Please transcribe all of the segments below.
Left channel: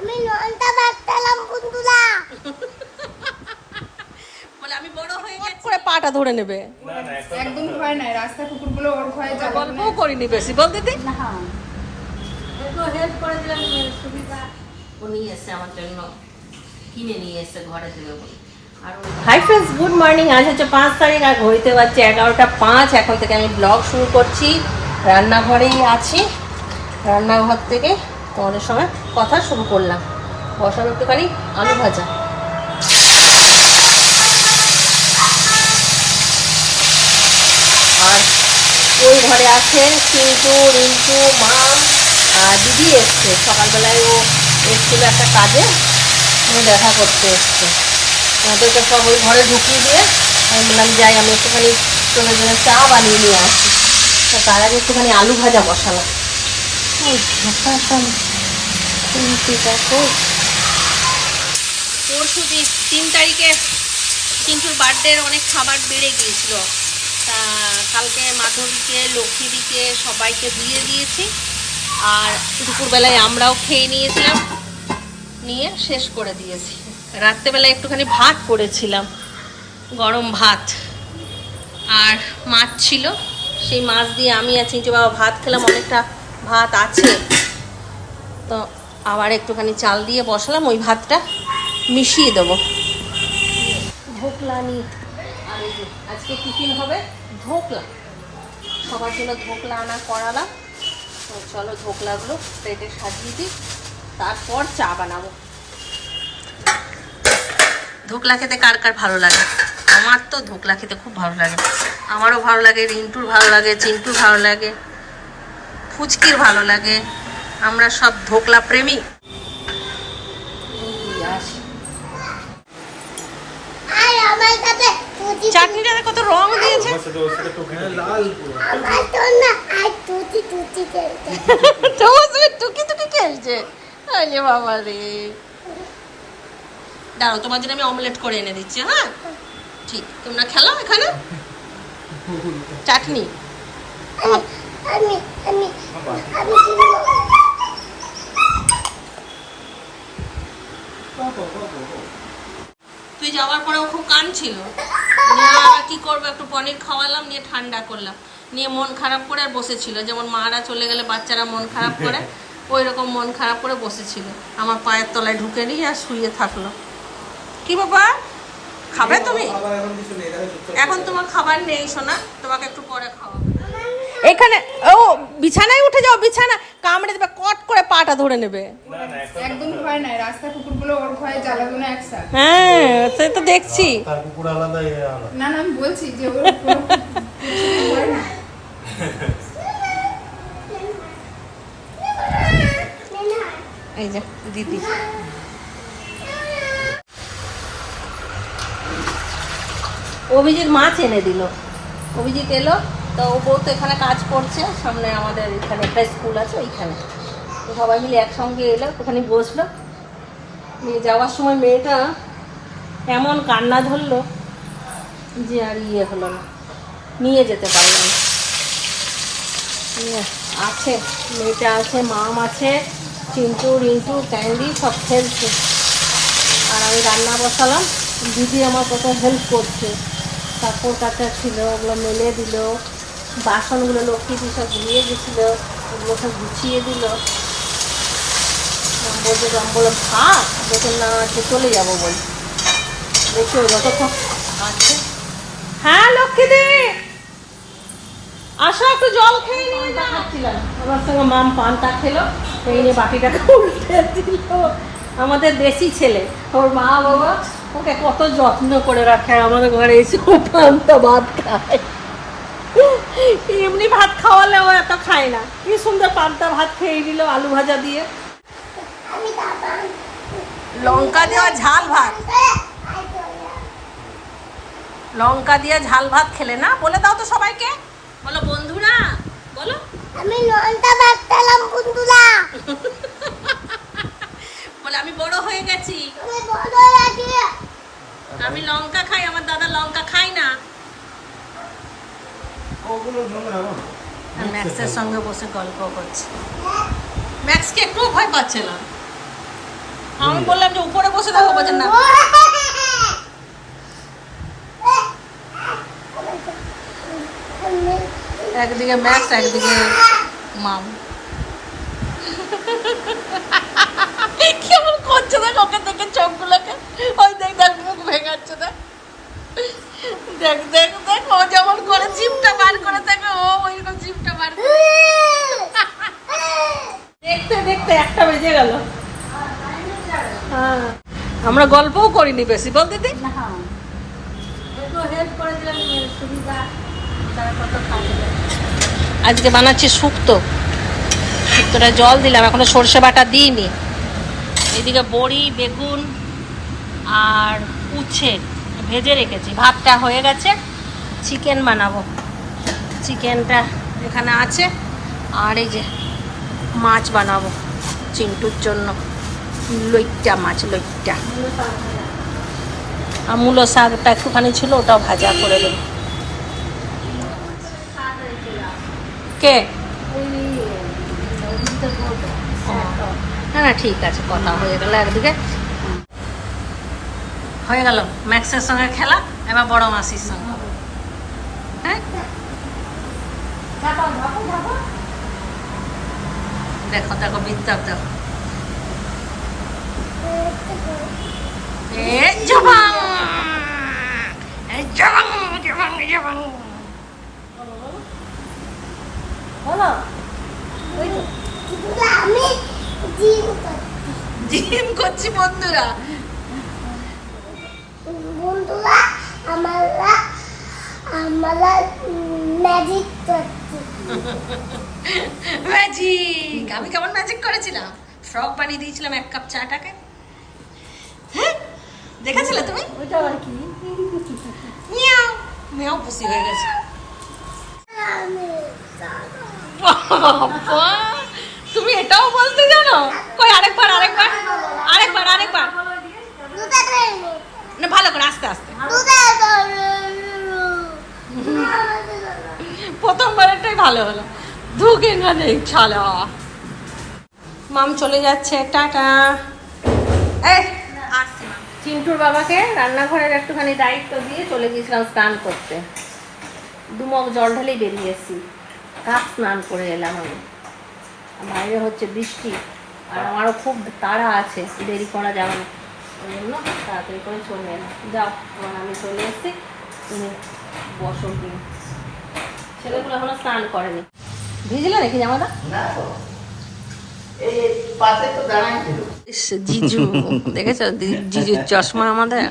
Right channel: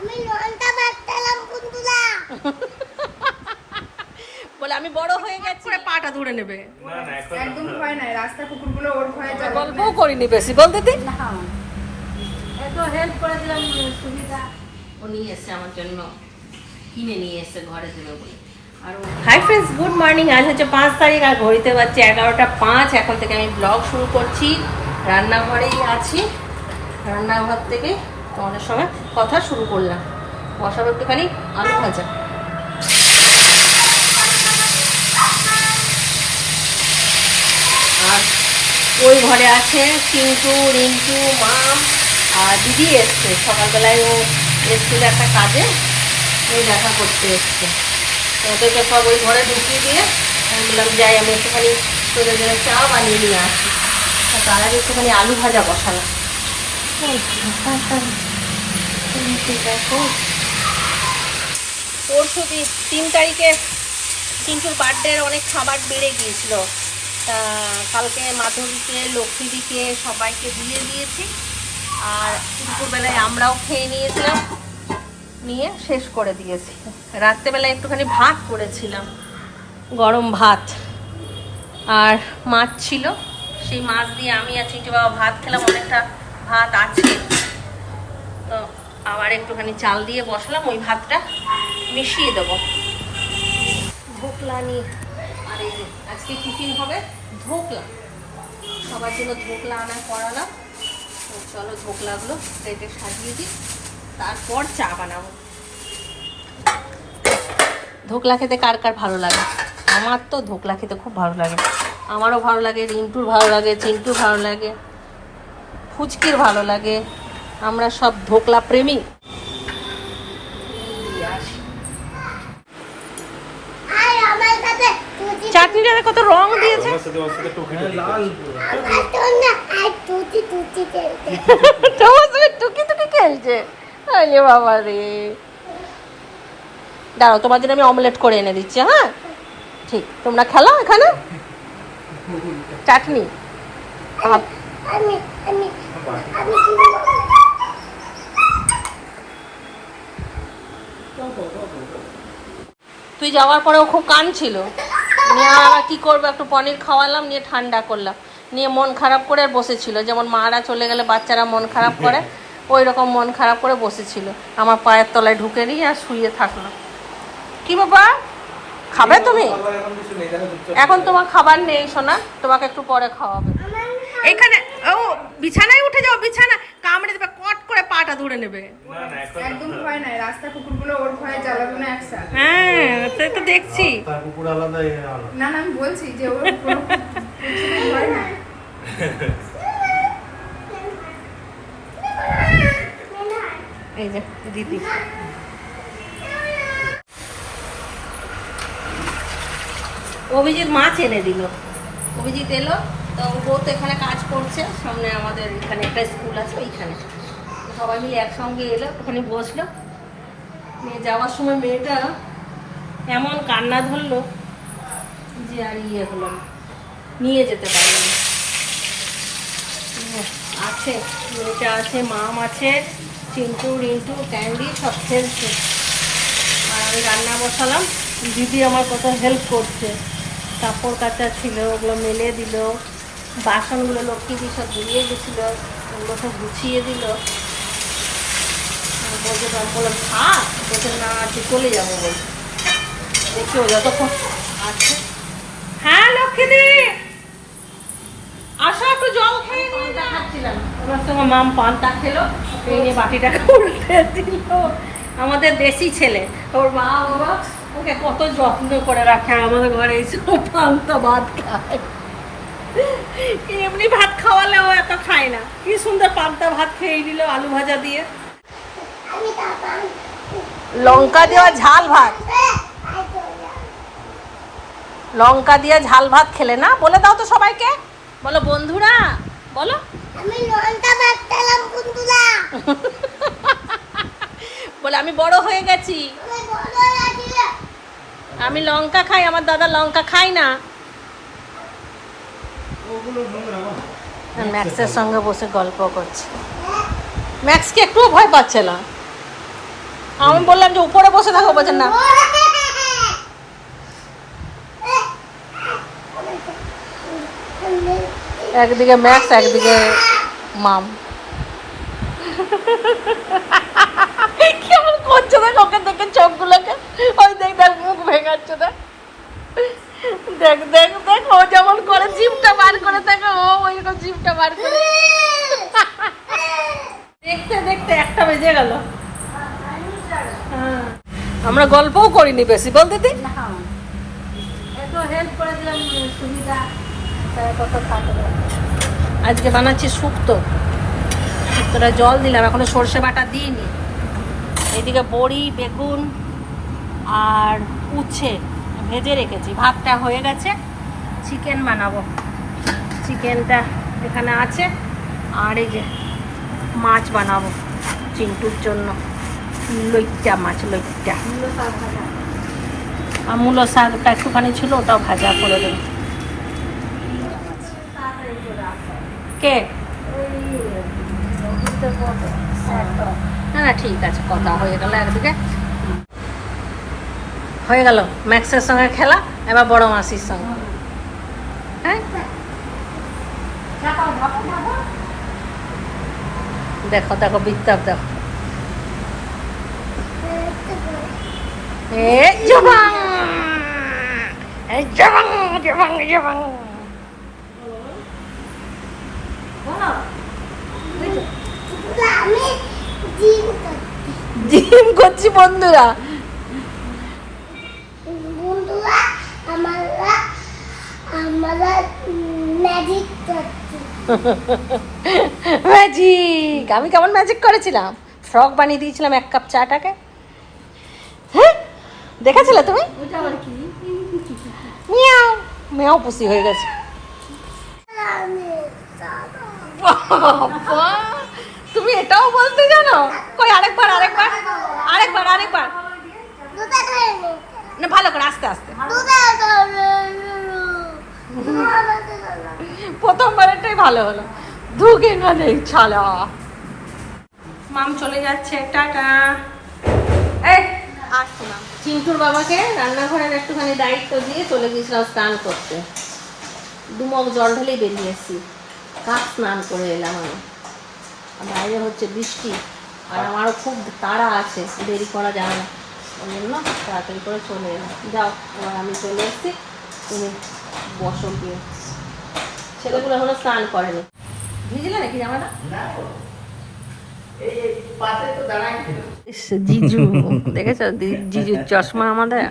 আমি লঙ্কা ভাজতাম বন্ধুরা। বলে আমি বড় হয়ে গেছি করে পাটা ধরে নেবে। না না এখন একদম ভয় নাই, রাস্তা কুকুরগুলো ওর ভয়ে যাবে। গল্পও করিনি বেশি বলতে দি। একটু হেল্প করে দিলাম, সুবিধা। ও নিয়ে এসছে আমার জন্য, কিনে নিয়ে এসছে ঘরে দেবে বলে। আর হাই ফ্রেন্ডস, গুড মর্নিং। আজ হচ্ছে 5 তারিখ আর ঘড়িতে বাজছে 11টা 5। এখন থেকে আমি ব্লগ শুরু করছি। রান্নাঘরেই আছি, রান্নাঘর থেকে তোমাদের সঙ্গে কথা শুরু করলাম। বসাবো একটুখানি আলু ভাজা। আর ওই ঘরে আছে চিন্টু, রিন্টু, মাম আর দিদি এসছে। সকালবেলায় ও এসছিল একটা কাজে, ও দেখা করতে এসছে। ওদেরকে সব ওই ঘরে ঢুকিয়ে দিয়ে আমি বললাম যাই আমি একটুখানি তোদের জন্য চা বানিয়ে নিয়ে আসি। তো তার আগে একটুখানি আলু ভাজা বসালাম। ঠিক আছে। পরশু 3 তারিখে চিন্টুর বার্থডের অনেক খাবার বেড়ে গিয়েছিল। তা কালকে মাধবীকে, লক্ষ্মীদিকে সবাইকে দিয়ে দিয়েছি। আর দুপুরবেলায় আমরাও খেয়ে নিয়েছিলাম, নিয়ে শেষ করে দিয়েছি। রাত্রেবেলায় একটুখানি ভাত করেছিলাম, গরম ভাত, আর মাছ ছিল। সেই মাছ দিয়ে আমি আর চিন্টু বাবা ভাত খেলাম। অনেকটা ভাত আছে, তো আবার একটুখানি চাল দিয়ে বসালাম, ওই ভাতটা মিশিয়ে দেবো। ধোকলা নিয়ে, আর এই যে আজকে টিফিন হবে ধোকলা। সবার জন্য ধোকলা আনা করালাম। তো চলো ধোকলাগুলো প্লেটে সাজিয়ে দিই, তারপর চা বানাবো। ধোকলা খেতে কার কার ভালো লাগে? আমার তো ধোকলা খেতে খুব ভালো লাগে। আমারও ভালো লাগে, রিন্টুর ভালো লাগে, চিন্টুর ভালো লাগে, ফুচকির ভালো লাগে। আমরা সব ধোকলা প্রেমী। আর আমার কাছে চাটনিটাতে কত রং দিয়েছে। লাল আমার তো না আর তুতি খেলতে। টুকি টুকি খেলছে। আরে বাবা রে, দাঁড়াও তোমার জন্য আমি অমলেট করে এনে দিচ্ছি। হ্যাঁ ঠিক, তোমরা খেলো এখানে। চাটনি আমি আমি আমি তুই যাওয়ার পরেও খুব কাঁদছিল। নিয়ে আবার কী করবো, একটু পনির খাওয়ালাম, নিয়ে ঠান্ডা করলাম, নিয়ে মন খারাপ করে আর বসেছিল। যেমন মারা চলে গেলে বাচ্চারা মন খারাপ করে, ওই রকম মন খারাপ করে বসেছিল। আমার পায়ের তলায় ঢুকে নিয়ে আর শুয়ে থাকলো। কি বাবা, খাবে তুমি? এখন তোমার খাবার নেই সোনা, তোমাকে একটু পরে খাওয়াবে। এখানে ও বিছানায় উঠে যাও, বিছানা কামড়ে দেবে, কট করে পাটা ধরে নেবে। না না এখন একদম ভয় নাই, রাস্তা কুকুরগুলো ওর ভয়ে জ্বালাবে না একসাথে। হ্যাঁ সে তো দেখছি। তার কুকুর আলাদা এ আলাদা। না না, আমি বলছি যে ওর কোনো কিছু ভয় না। এই যে দিদি, অভিজিৎ মাছ এনে দিল। অভিজিৎ এলো, তো ও বউ তো এখানে কাজ করছে, সামনে আমাদের এখানে একটা স্কুল আছে ওইখানে। তো সবাই মিলে একসঙ্গে এলো, ওখানে বসলো। নিয়ে যাওয়ার সময় মেয়েটা এমন কান্না ধরলো যে আর ইয়ে হলো না, নিয়ে যেতে পারলাম না। আছে মেয়েটা আছে, মাম আছে, চিন্টু, রিন্টু, ক্যান্ডি সব খেলছে। আর আমি রান্না বসালাম। দিদি আমার কত হেল্প করছে। কাপড় কাচা ছিল, ওগুলো মেলে দিল। বাসনগুলো লক্ষ্মী সব ধুয়ে গেছিলো, ওগুলো সব গুছিয়ে দিল। বলছে বলে ভাত বলছে না আছে, চলে যাবো বলছে। দেখি ও যতক্ষণ আছে। হ্যাঁ লক্ষ্মীদি আসো, একটু জল খেয়ে পান্তা খাচ্ছিলাম। আমার সঙ্গে মাম পান্তা খেলো, এই নিয়ে বাটিটাকে উল্টে দিল। আমাদের দেশি ছেলে, ওর মা বাবা ওকে কত যত্ন করে রাখে। আমাদের ঘরে এসব পান্তা ভাত খায়। এমনি ভাত খাওয়ালে ও এত খায় না। কি সুন্দর পান্তা ভাত খেয়ে দিল আলু ভাজা দিয়ে, লঙ্কা দেওয়া ঝাল ভাত। লঙ্কা দিয়ে ঝাল ভাত খেলে না? বলে দাও তো সবাইকে, বলো বন্ধুরা, বলো আমি লঙ্কা ভাজতাম বন্ধুরা। বলে আমি বড় হয়ে গেছি, আমি বড় হয়ে গেছি। আমি লঙ্কা খাই, আমার দাদা লঙ্কা খায় না। ওগুলো নোংরা না। আর ম্যাক্সের সঙ্গে বসে গল্প করছে। ম্যাক্সকে একটুও ভয় পাচ্ছে না। আমি বললাম যে উপরে বসে থাকো, বলছেন না। একদিকে ম্যাক্স, একদিকে মাম। কেমন করছে দেখ ওকে দেখে চোখগুলোকে, ওই দেখ দেখ মুখ ভেঙাচ্ছে দেখ, দেখ দেখ দেখ ও যেমন করে জিভটা বার করে থাকে, ও ওইরকম জিভটা বার করে। দেখতে দেখতে 1টা বেজে গেল। হ্যাঁ, আমরা গল্পও করিনি বেশি, বল দিদি। আজকে বানাচ্ছি শুক্তো, শুক্তোটা জল দিলাম, এখনো সর্ষে বাটা দিইনি। এদিকে বড়ি, বেগুন আর উচ্ছে ভেজে রেখেছি। ভাতটা হয়ে গেছে, চিকেন বানাবো। চিকেনটা এখানে আছে, আর এই যে মাছ বানাবো চিন্টুর জন্য, লইট্টা মাছ, লইট্টা। আর মূলো শাকটা একটুখানি ছিল, ওটাও ভাজা করে দেবো। কে? না না ঠিক আছে, কথা হয়ে গেল। একদিকে হয়ে গেল ম্যাক্সের সঙ্গে খেলা, এবার বড় মাসির সঙ্গে। হ্যাঁ দেখো দেখো বিত্তাপ দেখো, জবাং জবাং জবাং জবাং। আমি জিম করছি। জিম করছি বন্ধুরা, বন্ধুরা আমরা আমরা ম্যাজিক করছি। ম্যাজিক। আমি কেমন ম্যাজিক করেছিলাম, ফ্রক বানিয়ে দিয়েছিলাম 1 কাপ চাটাকে। হ্যাঁ দেখেছিলে তুমি? মিয়াও মিয়াও পুষি হয়ে গেছে। আমি বাবা, তুমি এটাও বলতে জানো? কই আরেকবার আরেকবার আরেকবার আরেকবার, দুটা ধরে নে। না ভালো করে আস্তে আস্তে। দুটা ধরে প্রথমবারেরটাই ভালো হলো, ধুকে না নেই ছালা। মাম চলে যাচ্ছে, টাটা। এই আসছি মাম। চিন্টুর বাবাকে রান্নাঘরের একটুখানি দায়িত্ব দিয়ে চলে গিয়েছিলাম স্নান করতে। 2 মগ জল ঢালেই বেরিয়ে এসেছি, কাক স্নান করে এলাম আমি। বাইরে হচ্ছে বৃষ্টি, আর আমারও খুব তাড়া আছে, দেরি করা যাবে না, ওই জন্য তাড়াতাড়ি করে চলে এলাম। যাও, এবার আমি চলে এসেছি, তুমি বসো গিয়ে। ছেলেগুলো এখনো স্নান করেনি। ভিজলে নাকি জামাটা? জিজু দেখেছো জিজুর চশমা আমাদের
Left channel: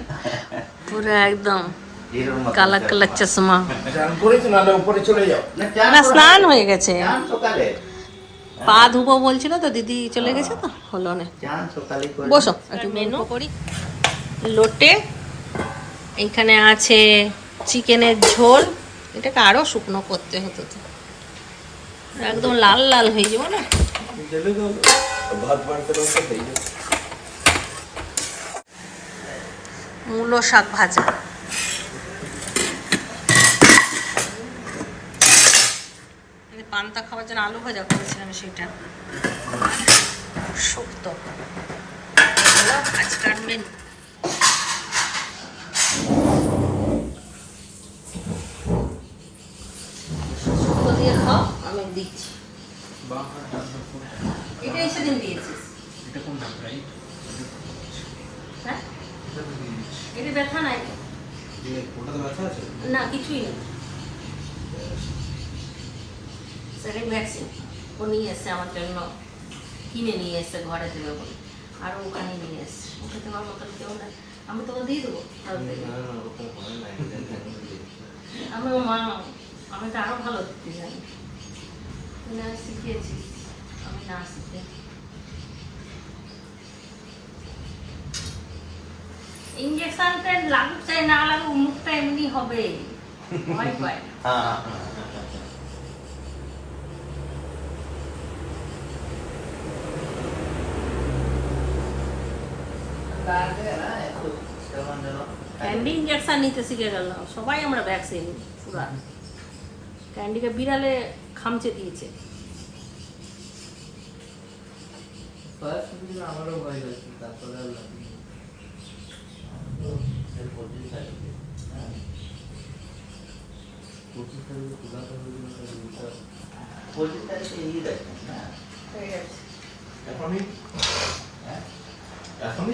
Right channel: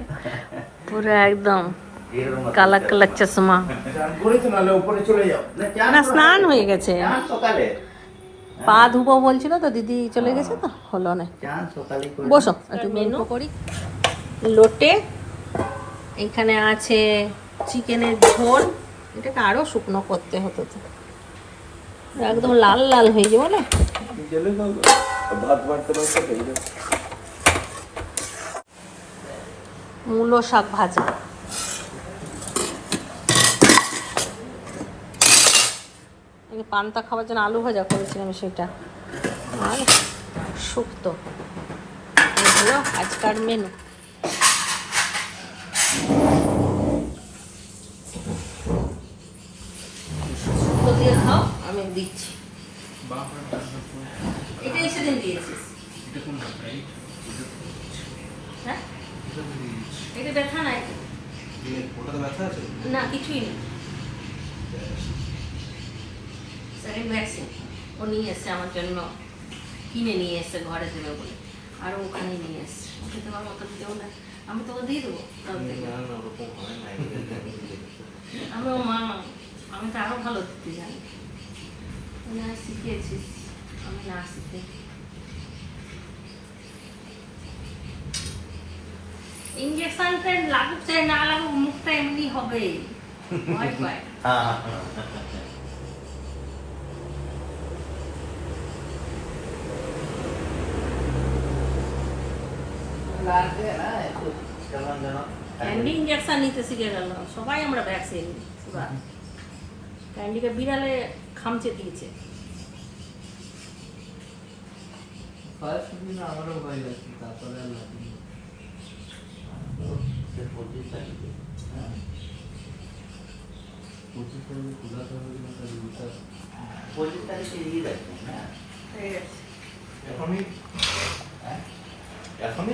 পুরো একদম কালা কালা চশমা। না স্নান হয়ে গেছে, পা ধুবো বলছিল তো, দিদি চলে গেছে তো হলো না। বসো একটু মেনু করি। লোটে এইখানে আছে চিকেনের ঝোল, এটাকে আরো শুকনো করতে হতো তো, একদম লাল লাল হয়ে যাবো না। মূলো শাক ভাজা, পান্তা খাবার জন্য আলু ভাজা করেছিলাম সেটা, আর শুক্তো। এগুলো আজকার মেনু। শুক্তো দিয়ে খাও, আমি দিচ্ছি। এটাই সেদিন দিয়েছিস? হ্যাঁ এটা ব্যথা নাই, না কিছুই নেই। সেকেন্ড ভ্যাকসিন ও নিয়ে এসছে আমার জন্য, কিনে নিয়ে এসছে ঘরে দেবে বলে, আর ওখানে নিয়ে এসছে। ওকে দেওয়ার মতো কেউ না, আমি তোকে দিয়ে দেবো। আমি ও মা, আমি তো আরো ভালো দিতে জানি, না শিখিয়েছিস, আমি না শিখে। ইঞ্জেকশনটা লাগুক চাই না লাগুক, মুখটা এমনি হবে, ভয় পায়। ক্যান্ডি ইঞ্জেকশন নিতে শিখে গেল, সবাই আমরা ভ্যাকসিন পুরা। ক্যান্ডিকে বিড়ালে খামচে দিয়েছে। আমারও ভয় লাগছে, তারপরে আর লাগবে না। সে 25 তারিখে, হ্যাঁ 25 তারিখে খোলা করবে না, তাহলে ওটা 25 তারিখে এই দেখো না এখনই, হ্যাঁ এখনই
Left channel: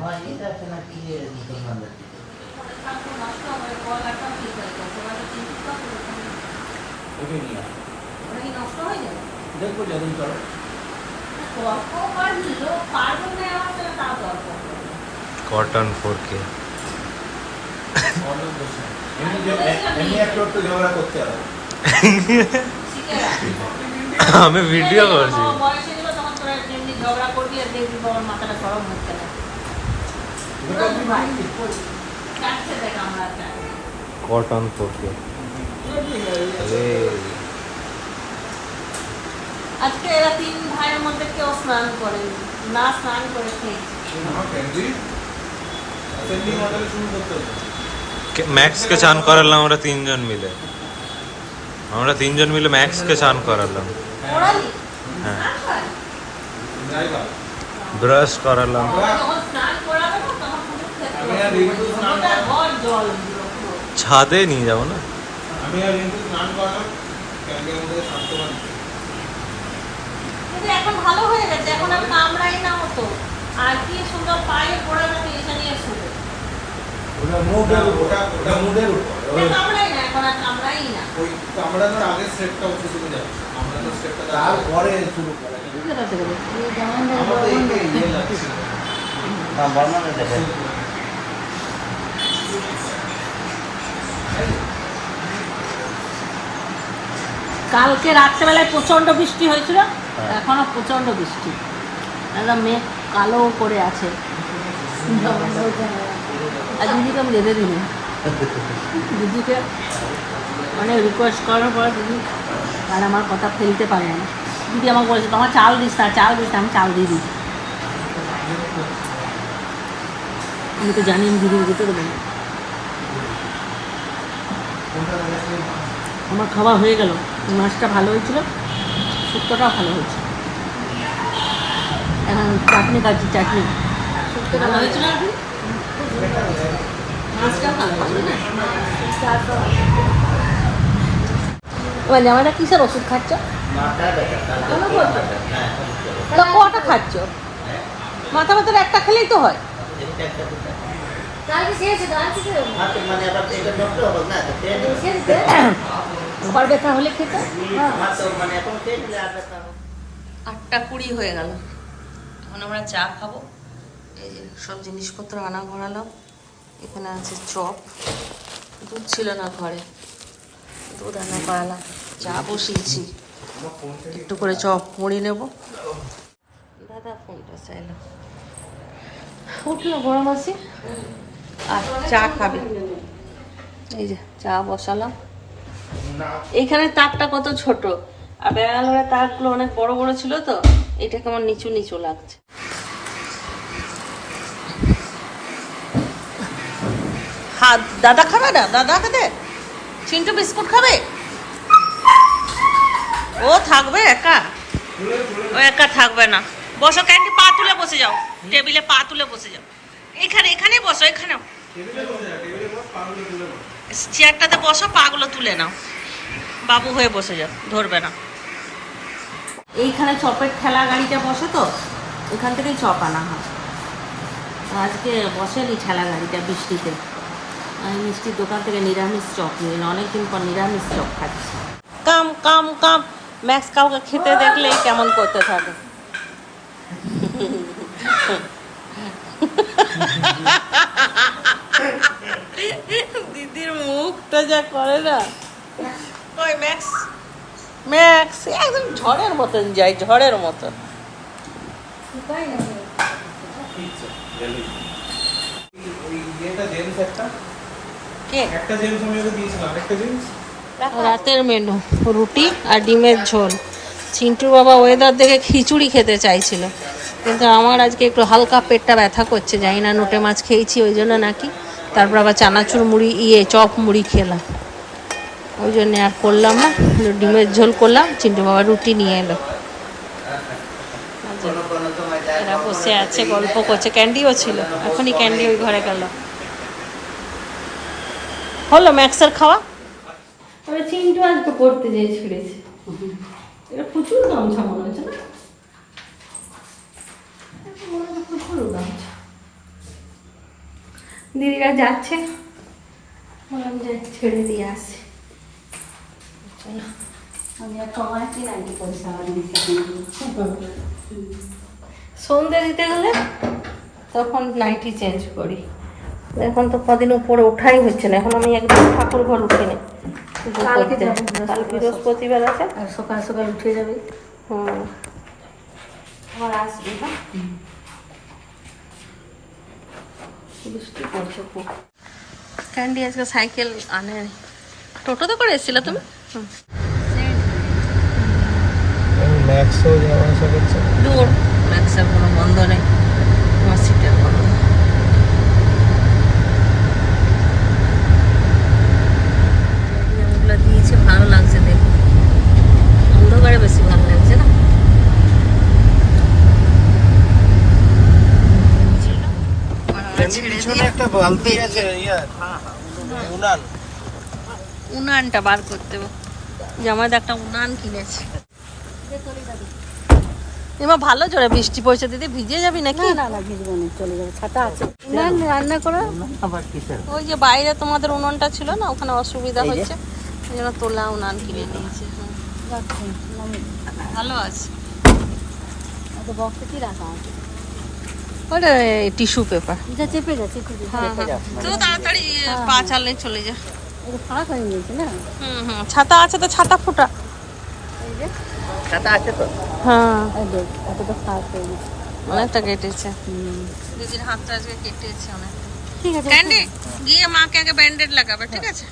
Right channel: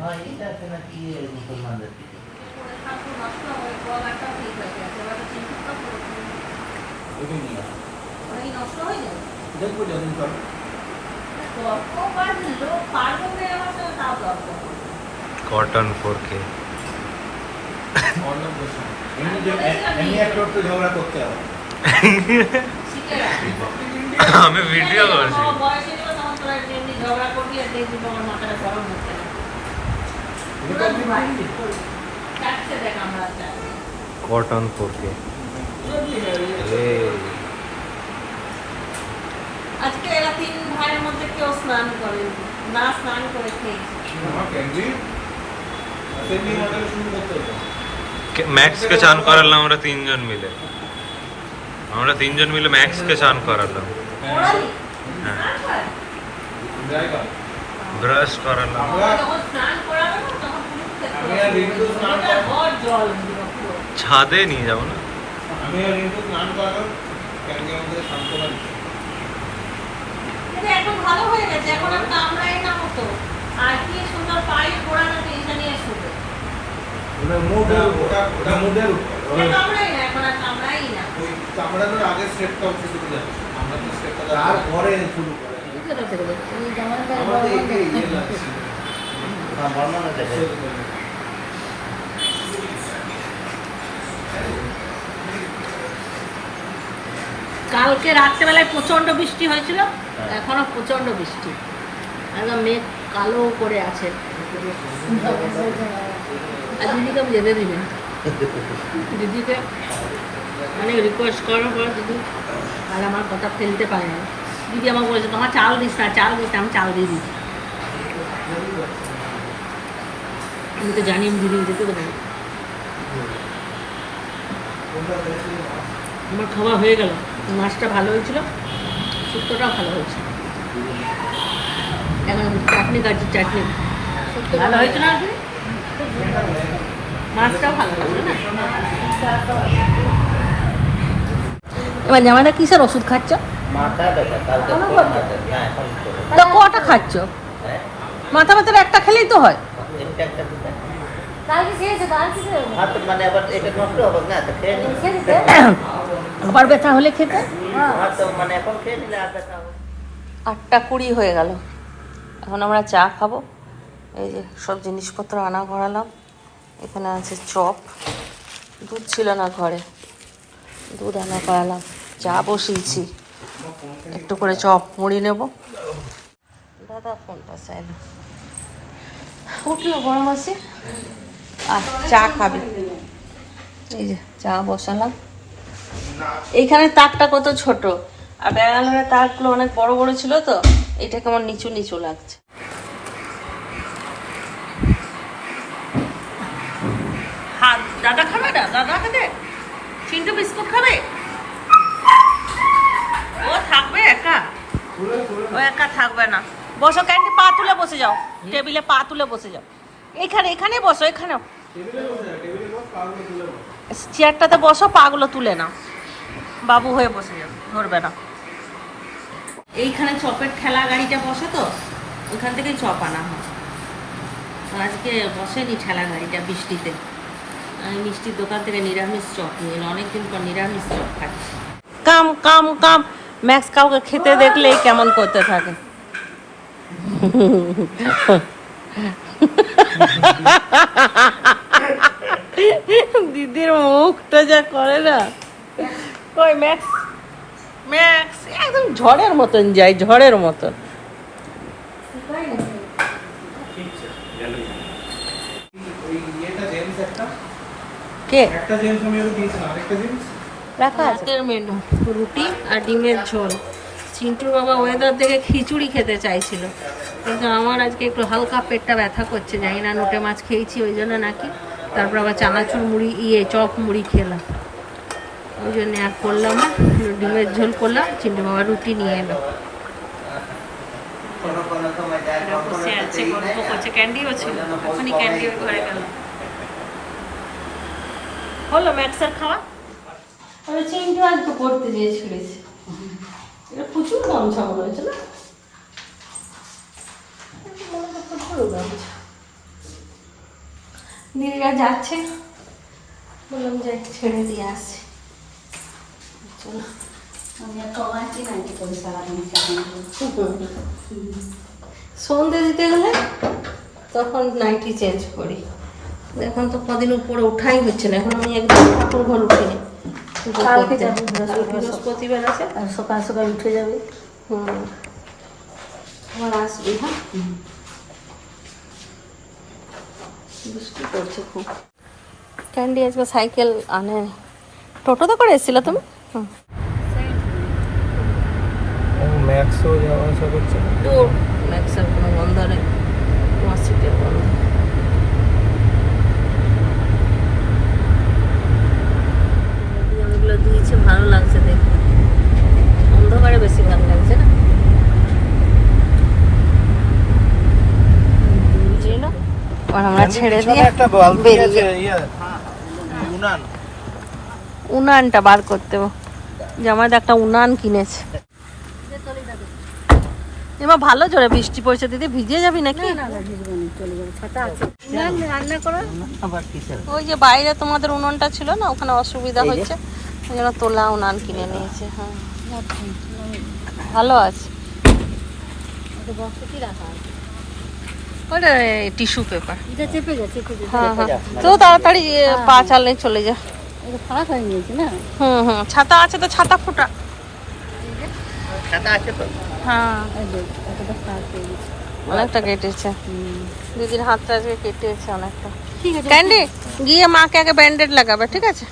হ্যাঁ এটা আছে না কি মুসলমানদের ওইটাই নিয়ে নষ্ট হয়ে যাবে। দেখবো যখন করো कॉटन 4K এমনি একটু একটু ঝগড়া করতে হবে। আমি ভিডিও করছি ঝগড়া করবি আর দেখবি তোমার মাথাটা গরম হচ্ছে না। দেখ আমরা कॉटन 4K अरे আজকে এরা 3 ভাইয়ের মধ্যে কেউ স্নান করেন না, স্নান করে খেয়েছে। मैक्स के चान करालाम আমরা তিনজন মিলে, আমরা তিনজন মিলে ম্যাক্স কে চান করালাম। ওরালি হ্যাঁ স্নান করে? ব্রাশ করালাম। যখন স্নান করাবে না তখন মুখ খেতে আমি আর রিঙ্কু স্নান হবে। ঘর জল পুরো। ছাদে নিয়ে যাবো না? আমি আর রিঙ্কু স্নান করলাম, ক্যান্ডি আমাদের সান্ত্বনা দিতে। কিন্তু এখন ভালো হয়ে গেছে, এখন আর কামড়াই না মতো। আর কি সুন্দর পায়ে গোড়াটাকে এখানে শুধু ওটা মুডের উপর, ওটা মুডের উপর। কামড়াই না, এখন আর কামড়াই না। ওই কামড়ানোর আগে স্টেপটা উঠে চলে যাবে, আমরা তো স্টেপটা তারপরে শুরু করে। আমাদের একে ইয়ে লাগছে না, বর্ণনা দেখো। কালকে রাত্রেবেলায় প্রচণ্ড বৃষ্টি হয়েছিল, এখনো প্রচণ্ড বৃষ্টি, একদম মেঘ কালো করে আছে। আর দিদিকে আমি যেতে দিই দিদিকে মানে রিকোয়েস্ট করার পর দিদি আর আমার কথা ফেলতে পারবে না। দিদি আমাকে বলেছে তোমার চাল দিস না, চাল দিস না, আমি চাল দিয়ে দিই। আমি তো জানি আমি দিদি যেতে দেবো না। আমার খাওয়া হয়ে গেল, মাছটা ভালো হয়েছিল, শুক্তোটাও ভালো হয়েছে। এখন চাটনি খাচ্ছি, চাটনি ভালো হয়েছে না? মাছটাও ভালো হয়েছে না? এবার জামাইটা কিসের ওষুধ খাচ্ছ? মাথা ব্যথা, কালকে কোনো খুব কথা? মাথা, না এখন চলে। তাহলে কটা খাচ্ছ? হ্যাঁ মাথা ব্যথার একটা খেলেই তো হয়। একটা একটা দুটা কালকে খেয়েছে কালকে খেয়েছে হাত মানে আবার এটা নষ্ট হবে না, তো খেয়ে নিলে আবার ব্যথা হলে খেতে। হাত তো মানে এখন খেয়ে নিলে আর ব্যথা হবে। 8:20 হয়ে গেল, এখন আমরা চা খাবো। এই যে সব জিনিসপত্র আনা করালাম। এখানে আছে চপ, দুধ ছিল না ঘরে, দুধ আনা করালাম, চা বসিয়েছি, একটু করে চপ মুড়ি নেব। দাদা ফোনটা চাইল, উঠলো গরম আছে আর চা খাবে। এই যে চা বসালাম। এইখানে তাকটা কত ছোট, আর ব্যাঙ্গালোরের তাকগুলো অনেক বড় বড় ছিল, তো এটা কেমন নিচু নিচু লাগছে। হ্যাঁ দাদা খাবে না? দাদা খেতে চিন্টু বিস্কুট খাবে? ও থাকবে একা? ও একা থাকবে না। বসো ক্যান্ডি, পা তুলে বসে যাও, টেবিলে পা তুলে বসে যাও। এখানে এখানে বসো, এখানেও চেয়ারটাতে বসো, পাগুলো তুলে নাও, বাবু হয়ে বসে যাও, ধরবে না। এইখানে চপের ঠেলা গাড়িটা বসে, তো ওইখান থেকেই চপ আনা হয়। আজকে বসেনি ঠেলা গাড়িটা বৃষ্টিতে। আমি মিষ্টির দোকান থেকে নিরামিষ চপ নিয়ে এলাম, অনেকদিন পর নিরামিষ চপ খাচ্ছি। কাম কাম কাম, ম্যাক্স কাউকে খেতে দেখলে কেমন করতে থাকে। দিদির মুখটা যা করে না, ওই ম্যাক্স ম্যাক্স একদম ঝড়ের মতন যায়, ঝড়ের মতন। ওই ইয়েটা জেমস কে? একটা জেমস আমি ওকে দিয়েছিলাম, আরেকটা জেমস রাতের মেনু রুটি আর ডিমের ঝোল। চিন্টুর বাবা ওয়েদার দেখে খিচুড়ি খেতে চাইছিল, কিন্তু আমার আজকে একটু হালকা পেটটা ব্যথা করছে, জানি না নোটে মাছ খেয়েছি ওই জন্য নাকি। তারপর আবার চানাচুর মুড়ি চপ মুড়ি খেলাম, ওই জন্য আর করলাম না, ডিমের ঝোল করলাম। চিন্টু বাবা রুটি নিয়ে এলো। কোনো কোনো সময় যায় নিচে আছে, গল্প করছে। ক্যান্ডিও ছিল, এখনই ক্যান্ডি ওই ঘরে গেল। হলো ম্যাক্সের খাওয়া? ওরা চিমটু আজকে পড়তে যেয়ে ছিঁড়েছে। এটা প্রচুর গামছা মনে হচ্ছে না? মনে হয় প্রচুর গামছা। দিদিরা যাচ্ছে, বললাম যে ছেড়ে দিয়ে আসছি। চলো সন্ধ্যে দিতে গেলে তখন নাইটি চেঞ্জ করি। এখন তো কদিন উপরে ওঠাই হচ্ছে না। এখন আমি একদম ঠাকুর ঘর উঠিনি। বৃহস্পতিবার আছে, আর সকাল সকাল উঠে যাবে। আমার আসবি। হ্যাঁ, বৃষ্টি পড়ছে খুব। ক্যান্ডি আজকে সাইকেল আনেনি, টোটোতে করে এসেছিল তুমি? দূর ম্যাক্সের কোনো বন্ধ নেই, তোমার সিটের বন্ধ। ওগুলো দিয়েছে, ভালো লাগছে দেখুন। অন্ধকারে বেশি ভালো লাগছে না? আর আমরা ছেড়ে দিয়ে উনানটা বার করতে হবে। জামাইদা একটা উনান কিনেছে। এবার ভালো জোরে বৃষ্টি পড়ছে, দিদি ভিজে যাবি নাকি? না ভিজবো না, চলে যাবে, ছাতা আছে। রান্না করো আবার। ওই যে বাইরে তোমাদের উনানটা ছিল না, ওখানে অসুবিধা হচ্ছে, ওই জন্য তোলা উনান কিনে নিয়েছে। হ্যাঁ ভালো আছে। ওটা টিস্যু পেপার। হ্যাঁ হ্যাঁ, তো তাড়াতাড়ি পা চালে চলে যা। ছাতা আছে তো, ছাতা ফুটা। হ্যাঁ অনেকটা কেটেছে, দিদির হাতটা আজকে কেটেছে অনেকটা। ক্যান্ডি গিয়ে মাকে আগে ব্যান্ডেড লাগাবে, ঠিক আছে?